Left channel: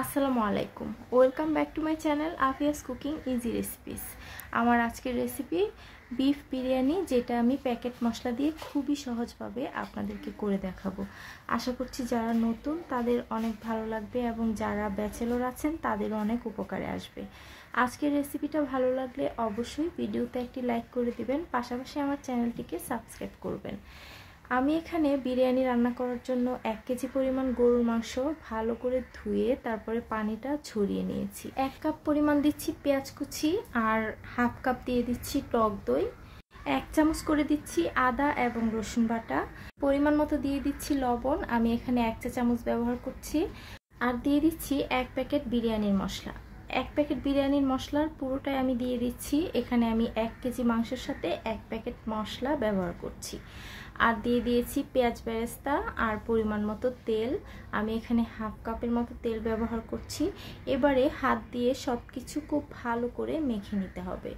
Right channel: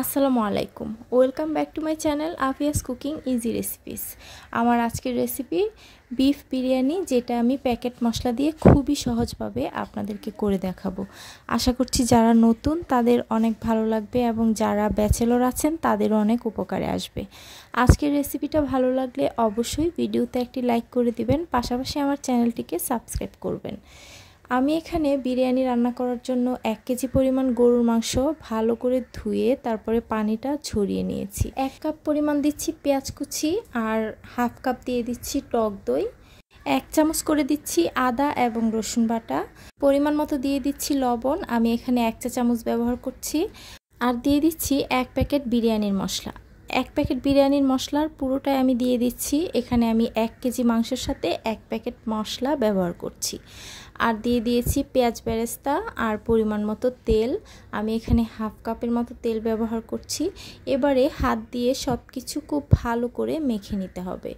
আসসালামু আলাইকুম, welcome back to my channel Afia's cooking easy recipes. আমার আজকের রেসিপি বিফ বিরিয়ানি, যেটা আমি প্যাকেট মশলা দিয়ে খুবই সহজভাবে আপনাদেরকে করে দেখাবো। আশা করছি যারা নতুন তাদের অনেক ভালো লাগবে এবং যারা ব্যাচেলর আছেন তাদেরও অনেক উপকারে আসবে। আজকের রেসিপিটা ভালো লাগলে অবশ্যই ভিডিওতে একটি লাইক করে দিবেন, পাশাপাশি আমার চ্যানেলটিকে সাবস্ক্রাইব করবেন। আমি এখানে বিরিয়ানি রান্না করার জন্য 1 কেজি পরিমাণ গরুর মাংস ভালো করে ধুয়ে তারপরে পানিটা ঝরিয়ে নিয়েছি। 1 কাপ পরিমাণ দিচ্ছি পেঁয়াজ কুচি আর হাফ কাপ দিয়ে দিচ্ছি টক দই। 1 চামচ করে দিচ্ছি আদা এবং রসুন বাটা। পরিমাণ মতো দিয়ে দিচ্ছি লবণ, আমি এখানে 1 চা চামচ ব্যবহার করছি। আর দিয়ে দিচ্ছি 1 প্যাকেট বিরিয়ানির মশলা। 1 প্যাকেট বিরিয়ানির মশলার পুরোটাই আমি দিয়ে দিচ্ছি। এখানে আমি 1 কেজি মাংসের সাথে 1 প্যাকেট মশলা ব্যবহার করছি। আর দিয়ে দিয়েছি পেঁয়াজ বেরেস্তা আর পরিমাণ মতো তেল। আমি এখানে হাফ কাপের মতো তেল ব্যবহার করছি। এবারে হাত দিয়ে সব কিছু খুব ভালো করে মেখে নিতে হবে।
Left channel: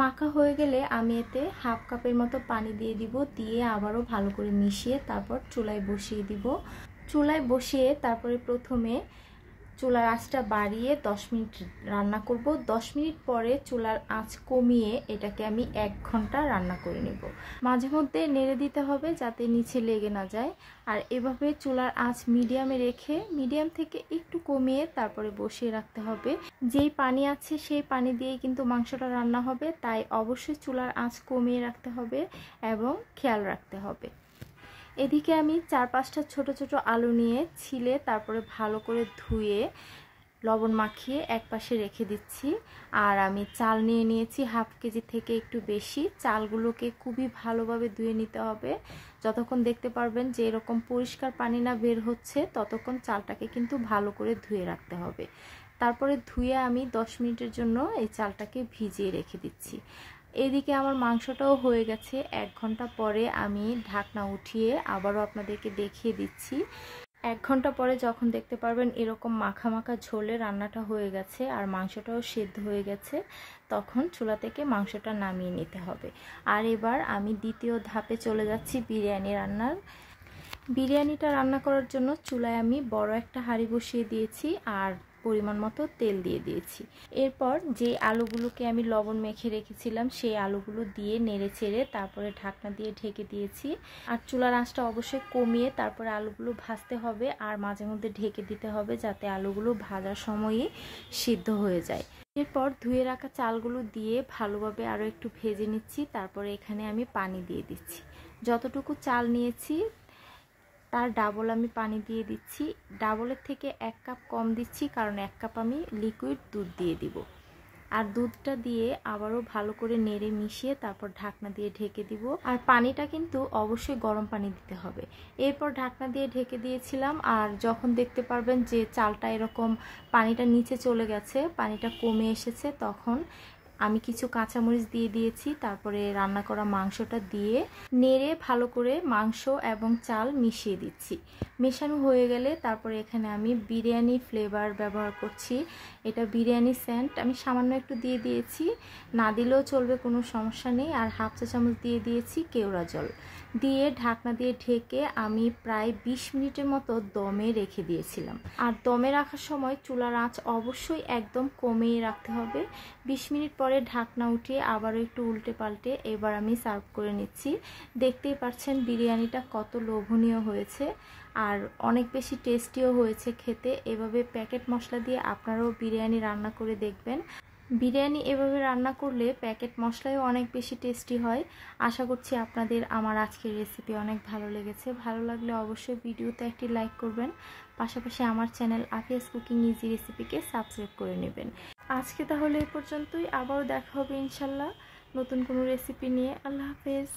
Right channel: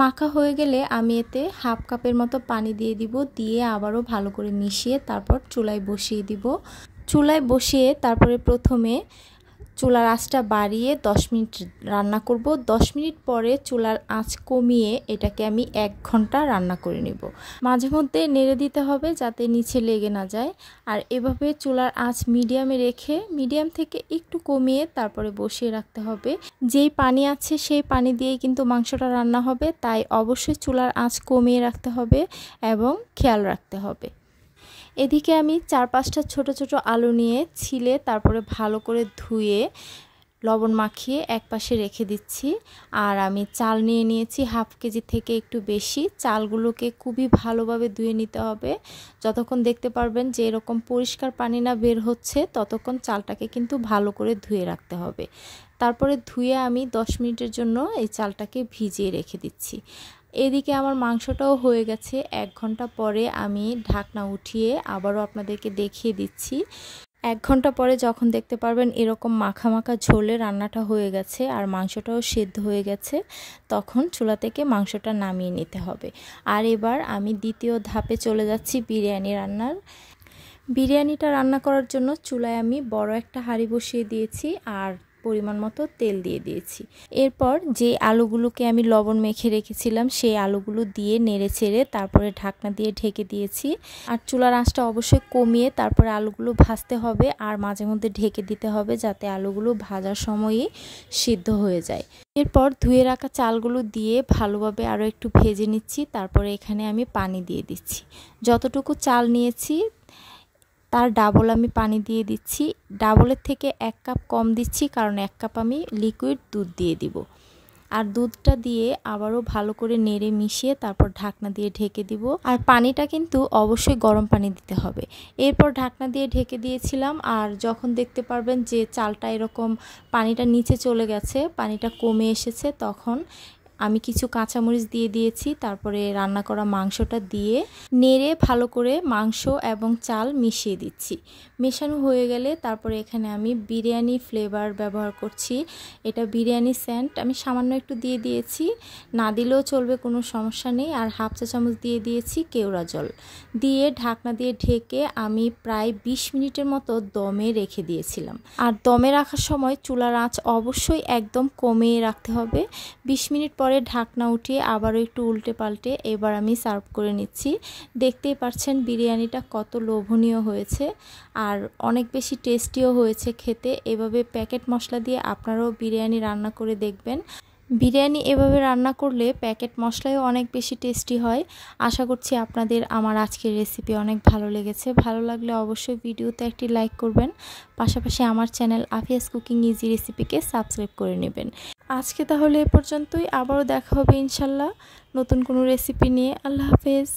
মাখা হয়ে গেলে আমি এতে হাফ কাপের মতো পানি দিয়ে দিব, দিয়ে আবারও ভালো করে মিশিয়ে তারপর চুলায় বসিয়ে দিব। চুলায় বসিয়ে তারপরে প্রথমে চুলার আঁচটা বাড়িয়ে 10 মিনিট রান্না করব। 10 মিনিট পরে চুলার আঁচ কমিয়ে এটাকে আমি 1 ঘন্টা রান্না করে নেব। মাঝে মধ্যে নেড়ে দিতে হবে যাতে নিচে লেগে না যায়। আর এভাবে চুলার আঁচ মিডিয়ামে রেখে মিডিয়াম থেকে একটু কমিয়ে তারপরে বসিয়ে রাখতে হবে। যেই পানি আছে সেই পানি দিয়েই কিন্তু মাংসটা রান্না হবে, তাই অবশ্যই চুলার আঁচ কমিয়ে রাখতে হবে এবং খেয়াল রাখতে হবে। এদিকে আমি 4-5টা ছোট ছোট আলু নিয়ে ছিলে তারপরে ভালো করে ধুয়ে লবণ মাখিয়ে একপাশে রেখে দিচ্ছি। আর আমি চাল নিয়ে নিয়েছি হাফ কেজি থেকে একটু বেশি। চালগুলোকে খুবই ভালোভাবে ধুয়ে নিতে হবে। যতক্ষণ দেখতে পারবেন যে এরকম পরিষ্কার পানি না বের হচ্ছে ততক্ষণ চালটাকে কিন্তু ভালো করে ধুয়ে রাখতে হবে। তারপরে ধুয়ে আমি 10 মিনিটের জন্য এই চালটাকে ভিজিয়ে রেখে দিচ্ছি। এদিকে আমার মাংসটাও হয়ে গেছে। 1 ঘন্টা পরে আমি ঢাকনা উঠিয়ে আবারও আপনাদেরকে দেখিয়ে দিচ্ছি। 1 ঘন্টা পরে যখন দেখতে পারবেন এরকম মাখা মাখা ঝোলে রান্নাটা হয়ে গেছে আর মাংসটাও সিদ্ধ হয়ে গেছে, তখন চুলা থেকে মাংসটা নামিয়ে নিতে হবে। আর এবার আমি দ্বিতীয় ধাপে চলে যাচ্ছি বিরিয়ানি রান্নার। বিরিয়ানিটা রান্না করার জন্য চুলায় আমি বড় একটা হাঁড়ি বসিয়ে দিয়েছি আর পরিমাণ মতো তেল দিয়ে দিয়েছি। এরপর যে আলুগুলোকে আমি লবণ মেখে রেখেছিলাম সেই আলুগুলো দিয়ে নেড়ে চেড়ে তারপরে ঢাকনা দিয়ে ঢেকে দিয়েছি। আর চুলার আঁচটা অবশ্যই কমিয়ে তারপরে আলুগুলো ভাজতে হবে আর মাঝে মধ্যে ঢেকে দিতে হবে যাতে আলুগুলো ভাজার সময়ই সিদ্ধ হয়ে যায়। এরপর ধুয়ে রাখা চালগুলো দিয়ে ভালোভাবে আরও একটু ভেজে নিচ্ছি। তারপরে এখানে আমি পানি দিয়ে দিচ্ছি। যতটুকু চাল নিয়েছি তার ডাবল আমি পানি দিয়ে দিচ্ছি। ডাবলের থেকে 1 কাপ কম দিচ্ছি, কারণ 1 কাপ আমি লিকুইড দুধ দিয়ে দিব। আর দুধটা দিয়ে আবারও ভালো করে নেড়ে মিশিয়ে তারপর ঢাকনা দিয়ে ঢেকে দিব। আর পানিটা কিন্তু অবশ্যই গরম পানি দিতে হবে। এরপর ঢাকনা দিয়ে ঢেকে দিয়েছিলাম। আর যখন দেখতে পারবেন যে চালটা এরকম পানিটা নিচে চলে গেছে, পানিটা কমে এসেছে, তখন আমি কিছু কাঁচামরিচ দিয়ে দিয়েছি। তারপরে রান্না করা মাংসটা দিয়ে নেড়ে ভালো করে মাংস এবং চাল মিশিয়ে দিচ্ছি। মেশানো হয়ে গেলে তারপরে এখানে আমি বিরিয়ানি ফ্লেভার ব্যবহার করছি। এটা বিরিয়ানি সেন্ট আমি সামান্য একটু দিয়ে দিয়েছি, না দিলেও চলবে, কোনো সমস্যা নেই। আর হাফ চা চামচ দিয়ে দিয়েছি কেওড়া জল দিয়ে ঢাকনা দিয়ে ঢেকে আমি প্রায় 20 মিনিটের মতো দমে রেখে দিয়েছিলাম। আর দমে রাখার সময় চুলার আঁচ অবশ্যই একদম কমিয়ে রাখতে হবে। 20 মিনিট পরে ঢাকনা উঠিয়ে আবারও একটু উল্টে পাল্টে এবার আমি সার্ভ করে নিচ্ছি। দেখতেই পাচ্ছেন বিরিয়ানিটা কত লোভনীয় হয়েছে আর অনেক বেশি টেস্টিও হয়েছে খেতে। এভাবে প্যাকেট মশলা দিয়ে আপনারাও বিরিয়ানি রান্না করে দেখবেন। বিরিয়ানি এভাবে রান্না করলে প্যাকেট মশলাও অনেক বেশি টেস্টি হয়। আশা করছি আপনাদের আমার আজকের রেসিপি অনেক ভালো লেগেছে। ভালো লাগলে অবশ্যই ভিডিওতে একটি লাইক করবেন, পাশাপাশি আমার channel Afia's cooking easy রেসিপিকে subscribe করে নেবেন। আজকে তাহলে এ পর্যন্তই, আবারও দেখা হবে ইনশাল্লাহ নতুন কোনো রেসিপি নিয়ে। আল্লাহ হাফেজ।